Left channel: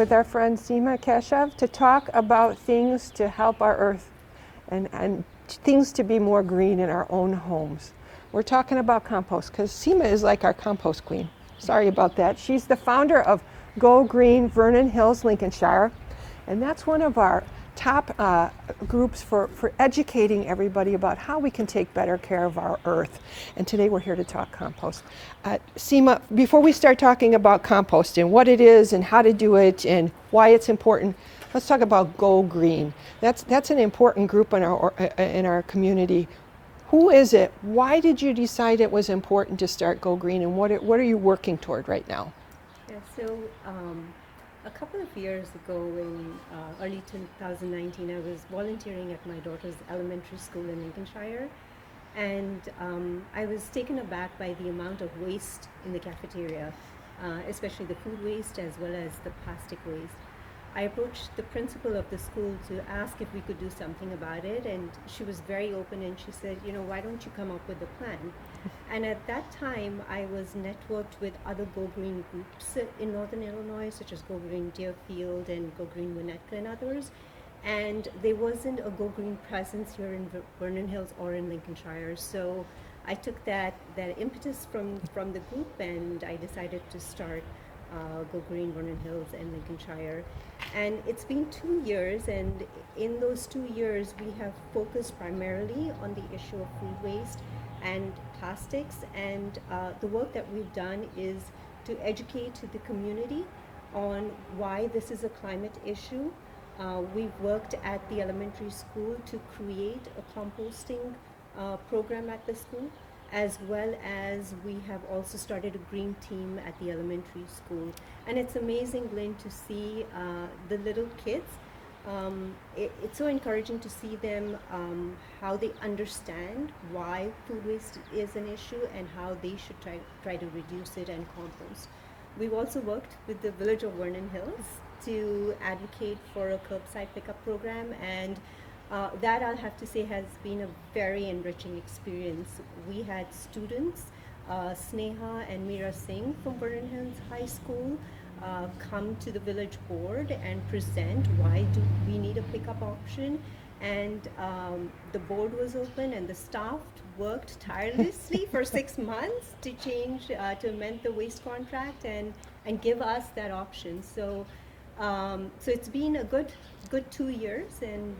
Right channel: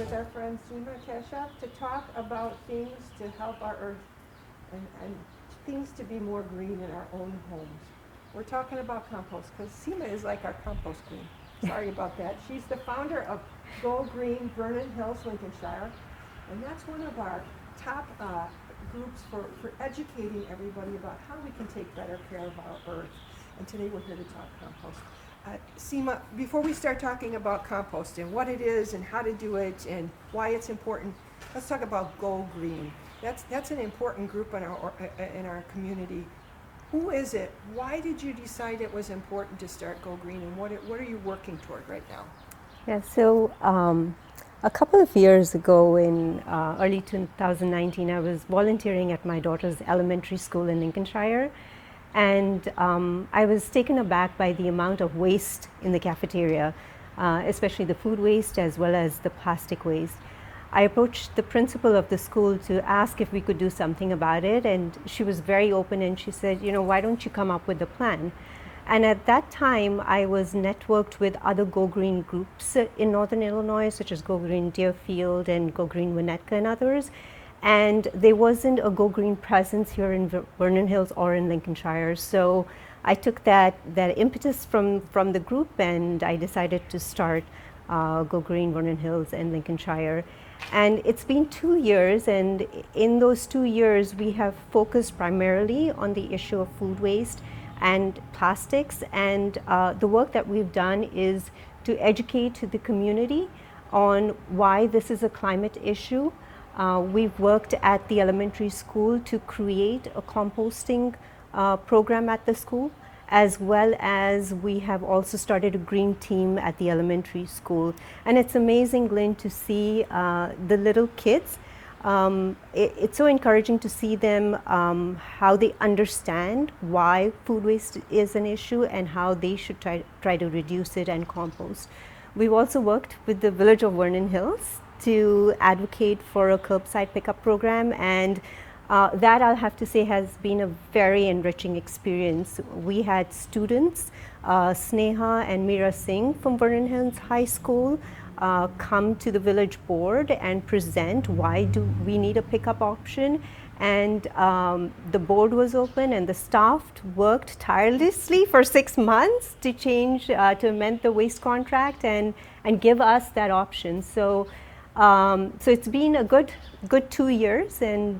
with our friend Seema Keshav to talk about things to help our earth and things to be more green in our own homes. We're talking about compost because Seema is like our compost queen. Sorry about that. She's the founder of Go Green Vernon Hills, Lincolnshire, and that's one of our top groups for educating everybody about how we can take better care of our earth. And today we're here to talk compost. Seema, before we start talking about compost and what it is and how to do it and why it's important, let's talk about Go Green. That's an important group in our community. Who is it? Why did you decide it was important to start Go Green, and what are you working toward right now? Yeah, so a couple of years ago in early 2019, I was volunteering at my daughter's elementary school in Lincolnshire, and I was taken aback by the amount of waste in the cafeteria, especially the food waste as well as the plastic waste. I approached the principal of the school to ask if we could do something about it, and she was very open and she said, you know, why don't you come up with a plan? And at that time, I was networked with other Go Green groups in Northern Illinois, such as Go Green Deerfield and Go Green Winnetka and others. And there wasn't a Go Green presence here in Vernon Hills or in Lincolnshire. So I took that impetus from the group, and I decided to start Go Green Vernon Hills and Lincolnshire. And it's been 2 years, and in those 2 years, we have focused primarily on the issue of food waste and plastics, and the work that we've done is to educate the community on why this is a climate issue. We've worked at the elementary school to create a composting program at the school, as well as we have also started a green team at the elementary school. And it's amazing, Glenn, to see the little kids. It's so encouraging to see them, how they understand why food waste is an issue and how they should try to reduce it and compost. We've also worked with the village of Vernon Hills to advocate for a curbside pickup program, and that, I'll have to say, has been a very enriching experience. We had students, Sneha and Meera Singh from Vernon Hills High School, come to the village board and present why do we need a pickup option. And the board was open, and the staff worked tirelessly for 6 months to change, to amend the waste contract and give us that option. So it's been a good 2 years, and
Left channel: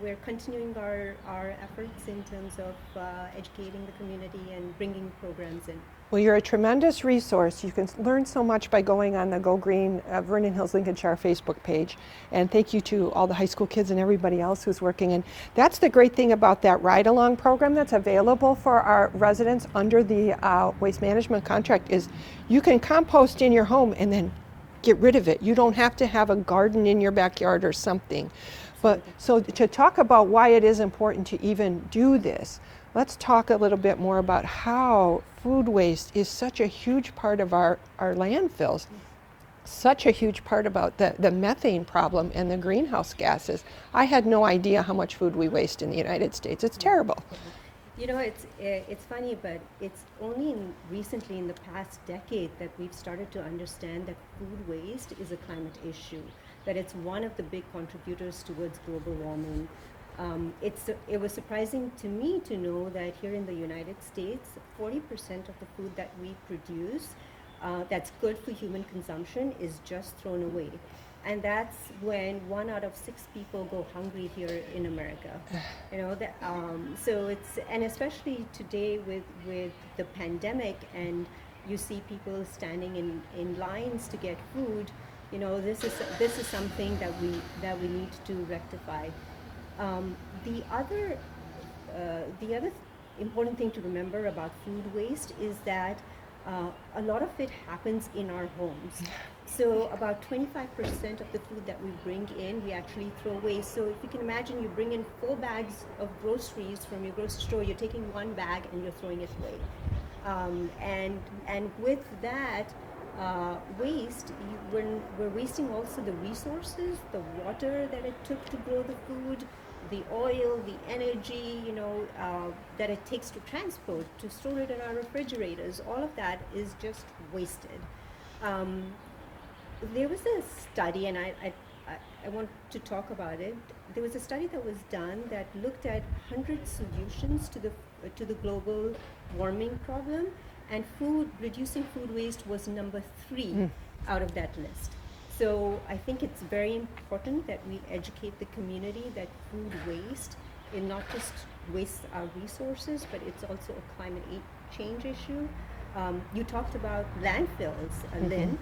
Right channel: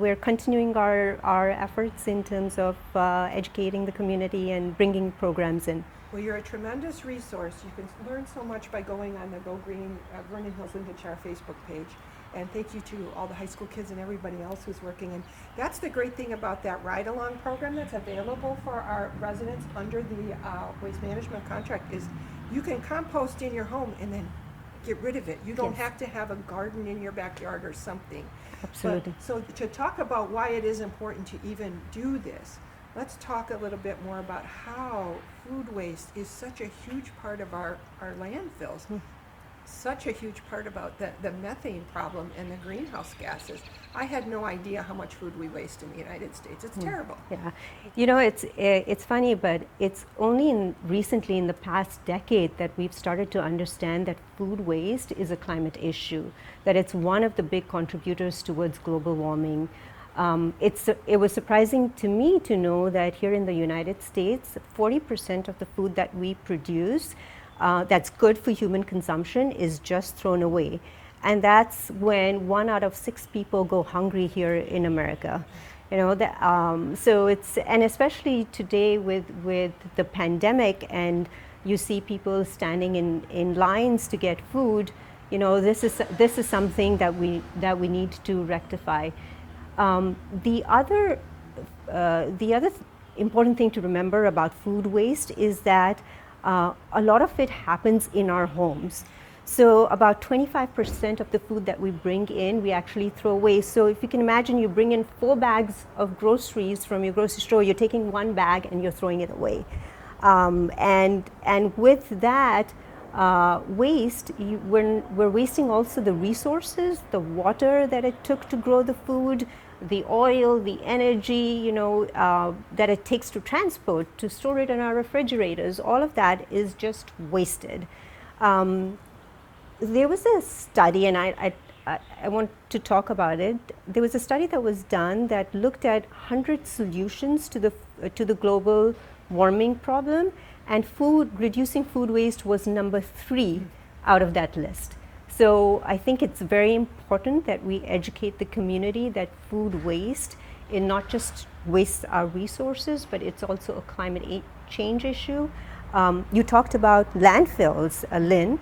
we're continuing our efforts in terms of educating the community and bringing programs in. Well, you're a tremendous resource. You can learn so much by going on the Go Green Vernon Hills Lincolnshire Facebook page. And thank you to all the high school kids and everybody else who's working. And that's the great thing about that ride-along program that's available for our residents under the waste management contract is you can compost in your home and then get rid of it. You don't have to have a garden in your backyard or something. Absolutely. But so to talk about why it is important to even do this, let's talk a little bit more about how food waste is such a huge part of our landfills, such a huge part about the methane problem and the greenhouse gases. I had no idea how much food we waste in the United States. It's terrible. Yeah. You know, it's funny, but it's only recently in the past decade that we've started to understand that food waste is a climate issue, that it's one of the big contributors towards global warming. It was surprising to me to know that here in the United States, 40% of the food that we produce that's good for human consumption is just thrown away. And that's when 1 out of 6 people go hungry here in America. You know, so it's, and especially today with the pandemic, and you see people standing in lines to get food. You know, this is something that we need to rectify. The other important thing to remember about food waste is that a lot of it happens in our homes. So about 25% of the food that we bring in, we actually throw away. So if you can imagine, you bring in 4 bags of groceries from your grocery store, you're taking 1 bag and you're throwing it away. And with that waste, we're wasting also the resources, the water that it took to grow the food, the oil, the energy, you know, that it takes to transport, to store it in our refrigerators. All of that is just wasted. there was a study, and I want to talk about it. There was a study that was done that looked at 100 solutions to the global warming problem, and reducing food waste was number 3 out of that list. So I think it's very important that we educate the community that food waste is not just wastes our resources, but it's also a climate change issue. You talked about landfills, Lynn.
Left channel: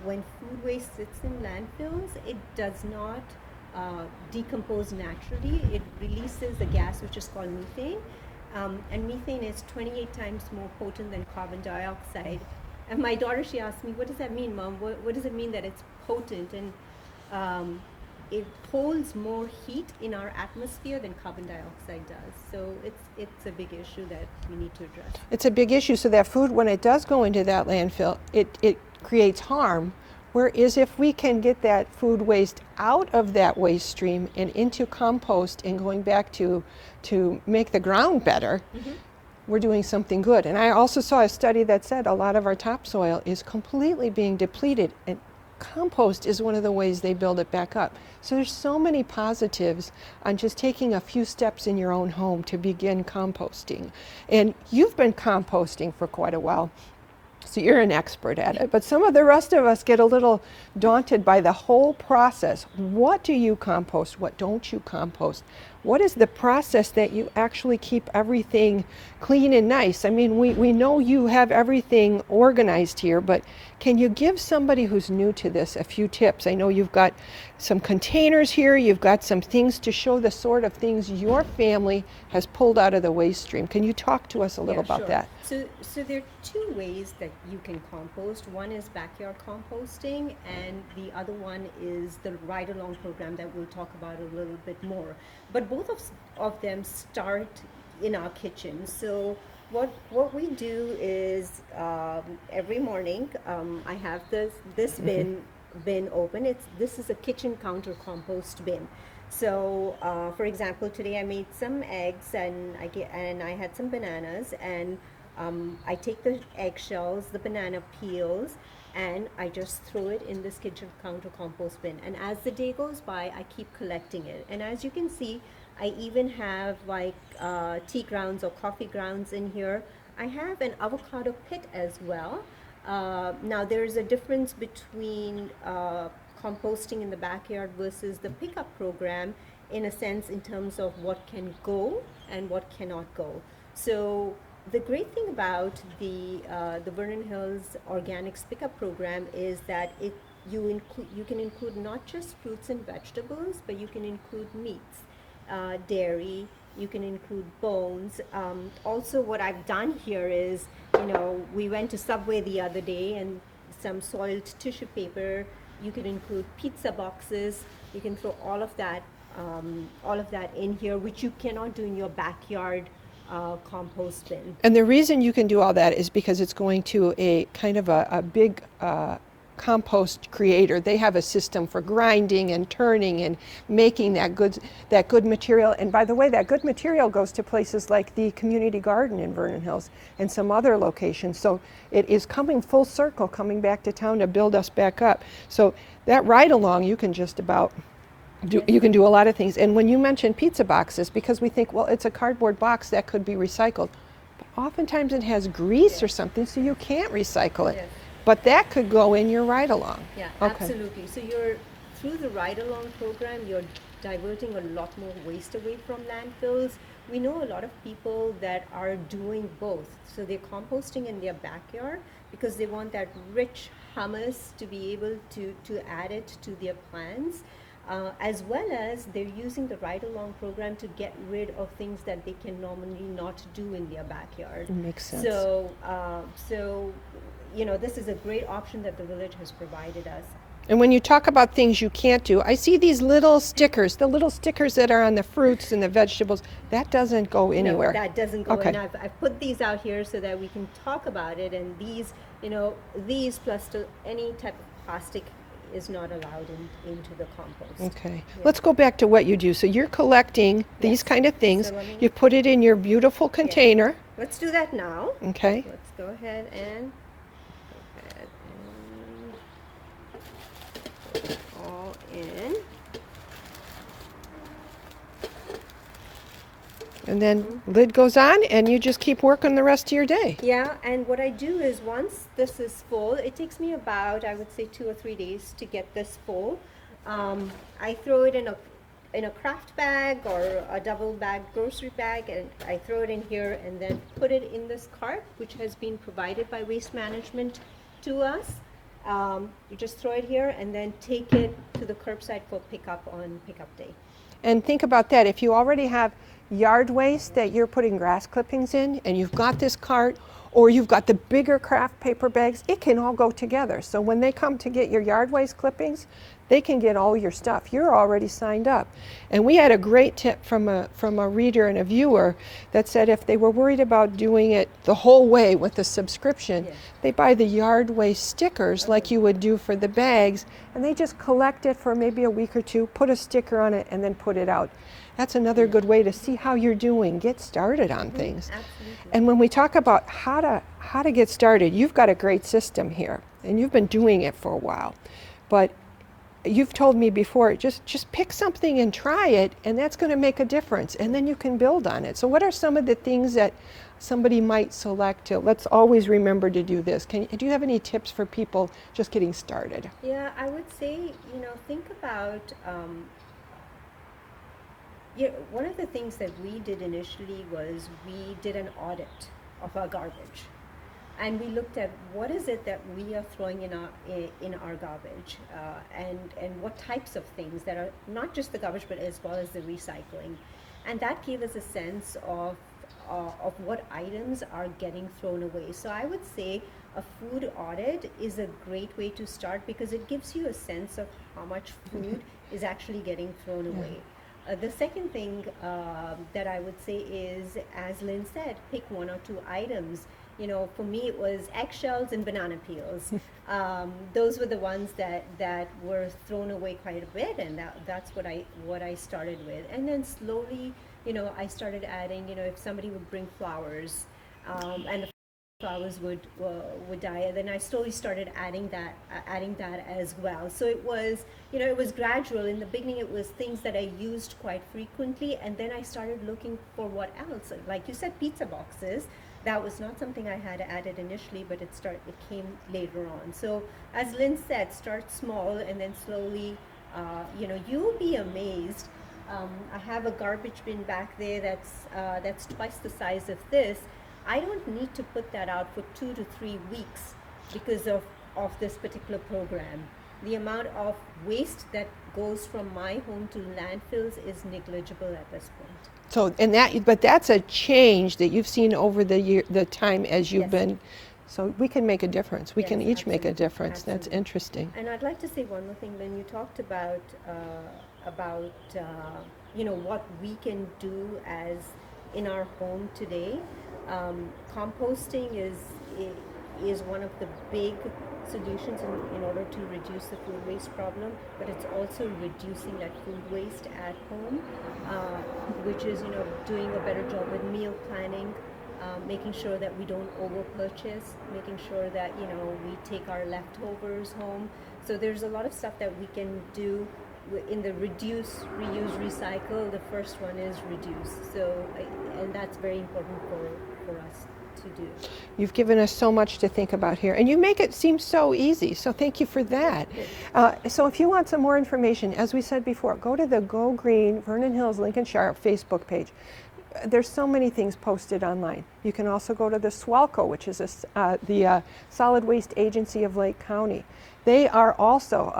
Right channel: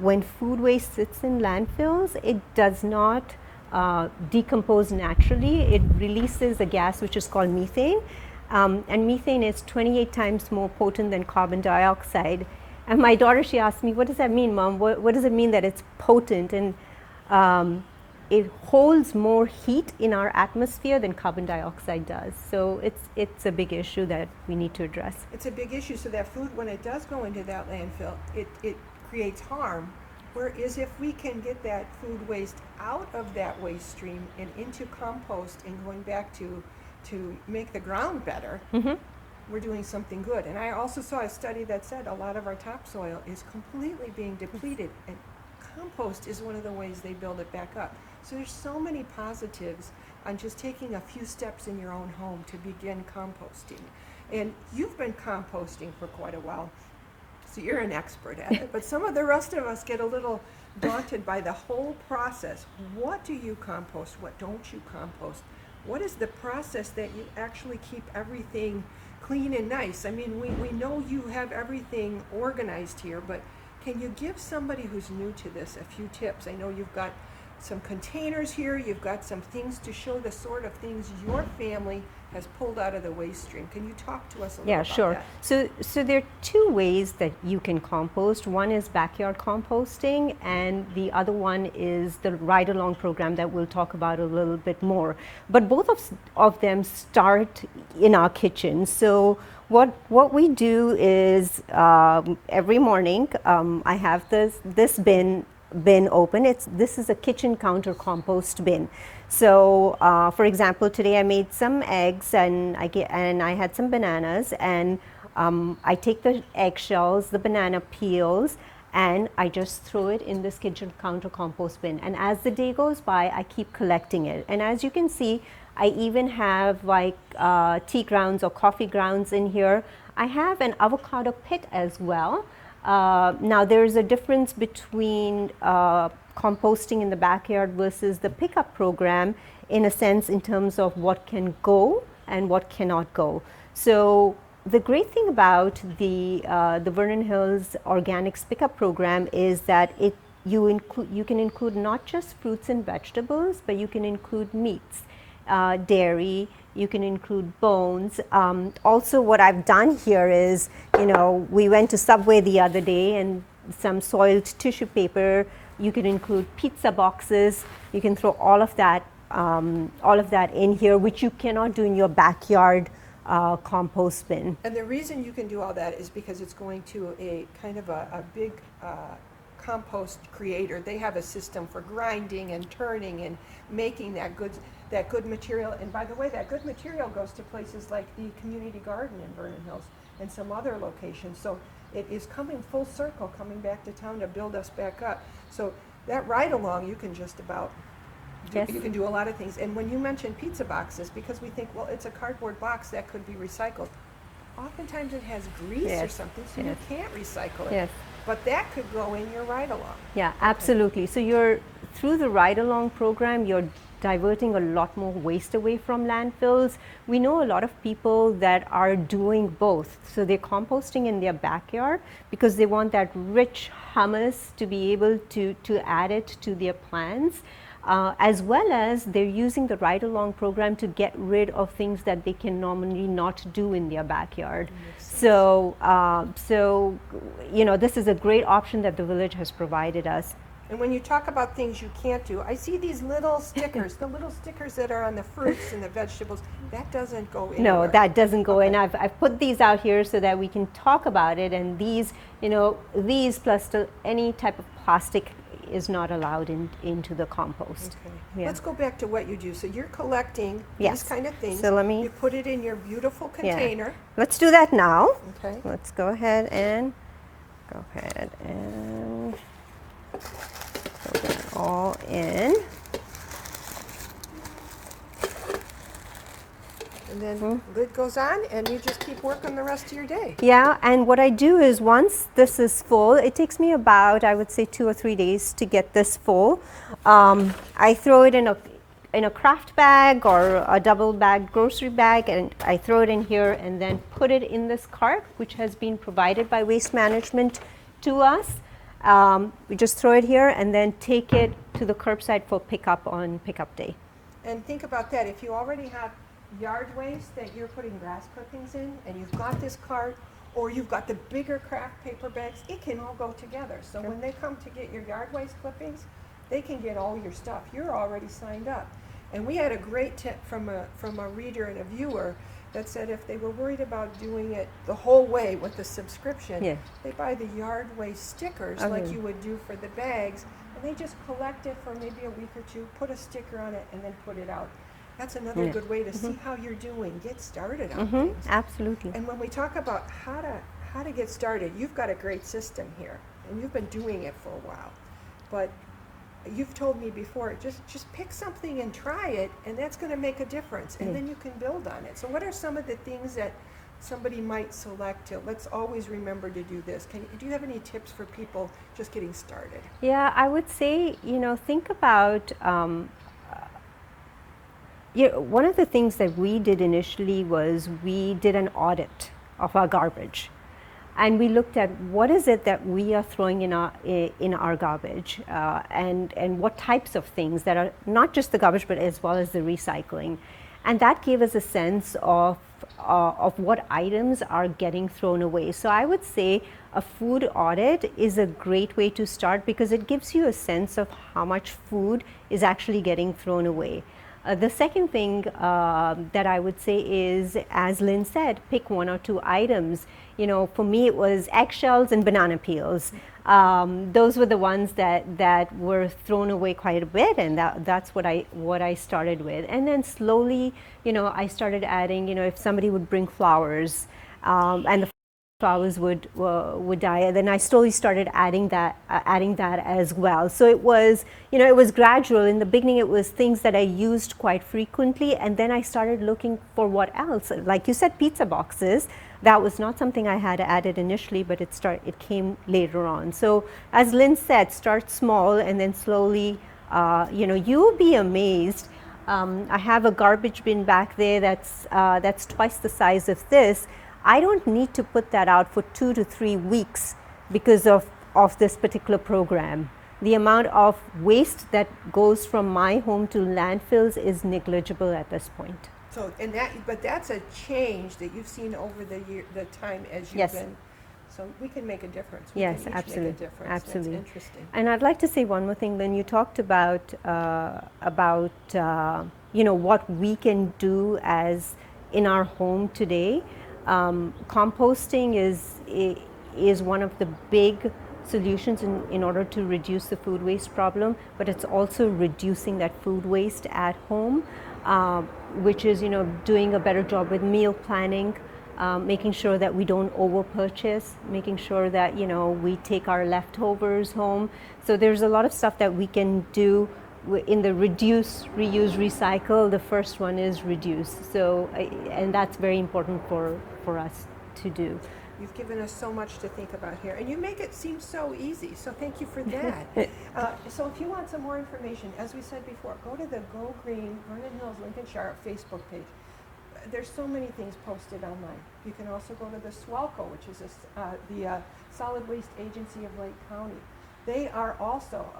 When food waste sits in landfills, it does not decompose naturally. It releases a gas which is called methane. And methane is 28 times more potent than carbon dioxide. And my daughter, she asked me, what does that mean, Mom? What does it mean that it's potent? And it holds more heat in our atmosphere than carbon dioxide does. So it's a big issue that we need to address. It's a big issue. So that food, when it does go into that landfill, it creates harm. Whereas if we can get that food waste out of that waste stream and into compost and going back to make the ground better, we're doing something good. And I also saw a study that said a lot of our topsoil is completely being depleted, and compost is one of the ways they build it back up. So there's so many positives on just taking a few steps in your own home to begin composting. And you've been composting for quite a while, so you're an expert at it. But some of the rest of us get a little daunted by the whole process. What do you compost? What don't you compost? What is the process that you actually keep everything clean and nice? I mean, we know you have everything organized here, but can you give somebody who's new to this a few tips? I know you've got some containers here, you've got some things to show the sort of things your family has pulled out of the waste stream. Can you talk to us a little about that? So there are 2 ways that you can compost. One is backyard composting, and the other one is the ride-along program that we'll talk about a little bit more. But both of them start in our kitchen. So what we do is every morning I have this bin open. This is a kitchen counter compost bin. So for example, today I made some eggs and I had some bananas, and I take the eggshells, the banana peels, and I just throw it in this kitchen counter compost bin. And as the day goes by, I keep collecting it. And as you can see, I even have like tea grounds or coffee grounds in here. I have an avocado pit as well. Now there's a difference between composting in the backyard versus the pickup program, in a sense, in terms of what can go and what cannot go. So the great thing about the Vernon Hills Organics Pickup Program is that you can include not just fruits and vegetables, but you can include meats, dairy, you can include bones. Also what I've done here is, we went to Subway the other day, and some soiled tissue paper, you can include pizza boxes, you can throw all of that in here, which you cannot do in your backyard compost bin. And the reason you can do all that is because it's going to a kind of a big compost creator. They have a system for grinding and turning and making that good material. And by the way, that good material goes to places like the community garden in Vernon Hills and some other locations. So it is coming full circle, coming back to town to build us back up. So that ride along, you can just about you can do a lot of things. And when you mention pizza boxes, because we think, well, it's a cardboard box that could be recycled. But oftentimes it has grease or something, so you can't recycle it. But that could go in your ride-along. Yeah, absolutely. So through the ride-along program, you're diverting a lot more waste away from landfills. We know a lot of people that are doing both. So they're composting in their backyard because they want that rich humus to be able to add it to their plants. As well as they're using the ride-along program to get rid of things that they can normally not do in their backyard. Makes sense. So this is a great option that the village has provided us. And when you talk about things you can't do, I see these little stickers, the little stickers that are on the fruits and the vegetables. That doesn't go anywhere. No, that doesn't go in. I've put these out here so that we can talk about it. And these plus any type of plastic is not allowed into the compost. Okay. Yeah. Let's go back to what you do. So you're collecting these kind of things. So you put it in your beautiful container. Yeah. Let's do that now. Okay. Let's go ahead and Throw that all in. And then lid goes on, and you just keep working the rest of your day. Yeah, and what I do is once this is full, it takes me about, I would say, 2 or 3 days to get this full. I throw it in a craft bag or a double bag grocery bag, and I throw it in here and then put it in this cart, which has been provided by Waste Management to us. We just throw it here and then take it to the curbside for pickup on pickup day. And think about that. If you already have yard waste that you're putting grass clippings in, and you've got this cart, or you've got the bigger craft paper bags, it can all go together. So when they come to get your yard waste clippings, they can get all your stuff. You're already signed up. And we had a great tip from a reader and a viewer that said if they were worried about doing it the whole way with the subscription, they buy the yard waste stickers like you would do for the bags, and they just collect it for maybe a week or two, put a sticker on it, and then put it out. That's another good way to see how you're doing. Get started on things. Absolutely. And when we talk about how to get started, you've got a great system here, and you've been doing it for a while. But you've told me before, just pick something and try it, and that's going to make a difference, and then you can build on it. So what are some of the things that somebody might select to, let's always remember to do this? Do you have any tips for people just getting started? Yeah, I would say, think about, one of the things that we did initially was we did an audit of our garbage. And we looked at what is it that we are throwing in our garbage, and what types of things that are not just the garbage, but as well as the recycling. And that gave us a sense of what items are getting thrown away. So I would say a food audit is a great way to start, because it gives you a sense of how much food is actually getting thrown away. The second thing that I would say is, as Lynn said, pick 1 or 2 items. For me it was eggshells and banana peels. Those were the ones that were thrown away quite a bit, and that's what I started with. And then slowly, I started adding, if somebody would bring flowers, and the flowers would die, then I slowly started adding that as well. So it was, it was gradual. In the beginning it was things that I used quite frequently, and then I started looking for what else. Like you said, pizza boxes. That was not something I had added initially, but it came later on. So as Lynn said, start small and then slowly, you'll be amazed. I have a garbage bin back there that's twice the size of this. I don't need to put that out for 2 to 3 weeks because of this particular program. The amount of waste that goes from my home to landfills is negligible at this point. So, but that's a change that you've seen over the time as you've been. So we can make a difference. We can each make a difference. That's interesting. And I'd like to say one more thing. When you talked about what we can do as in our home today, composting is one of the big solutions in order to reduce the food waste problem, but it's also reducing that food waste at home, which is doing a better job with meal planning, making sure that we don't over purchase, making sure that we take our leftovers home. So there's a lot of stuff that we can do in the reduce, reuse, recycle. The first one is reduce. So and that's very important for us to do. You've given us so much to think about here, and you make it seem so easy, so thank you for that. So if you want some more information, as we said before, go to the Go Green Vernon Hills Lincolnshire Facebook page. There's so many things posted online. You can also go to the SWALCO, which is the Solid Waste Agency of Lake County. They also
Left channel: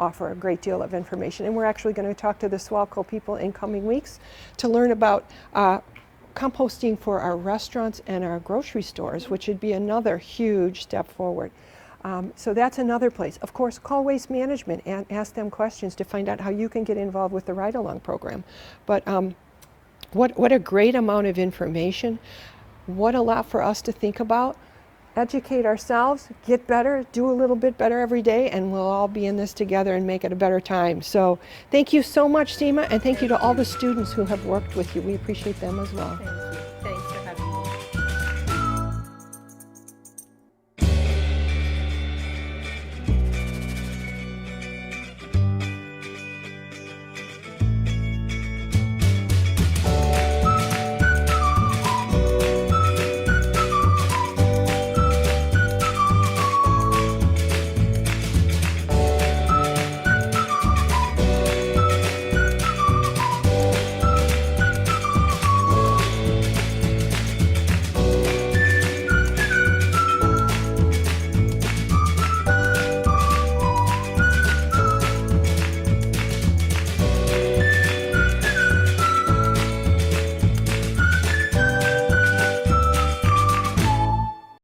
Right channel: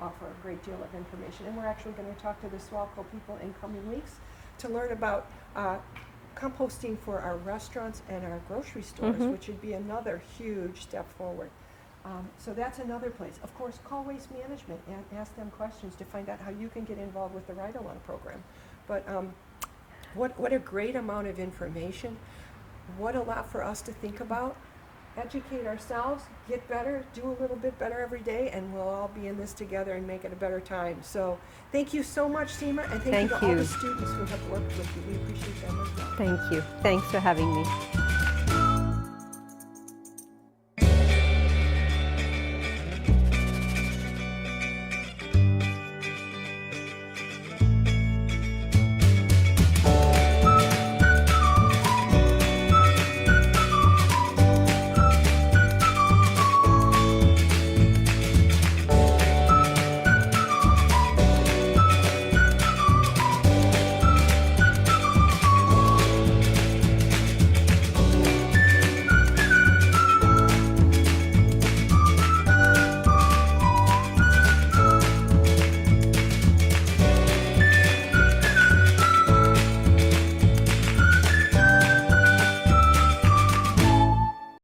offer a great deal of information, and we're actually going to talk to the SWALCO people in coming weeks to learn about composting for our restaurants and our grocery stores, which would be another huge step forward. So that's another place. Of course, call Waste Management and ask them questions to find out how you can get involved with the Ride-Along program. But what a great amount of information. What a lot for us to think about. Educate ourselves, get better, do a little bit better every day, and we'll all be in this together and make it a better time. So thank you so much, Seema, and thank you to all the students who have worked with you. We appreciate them as well. Thank you. Thanks for having me.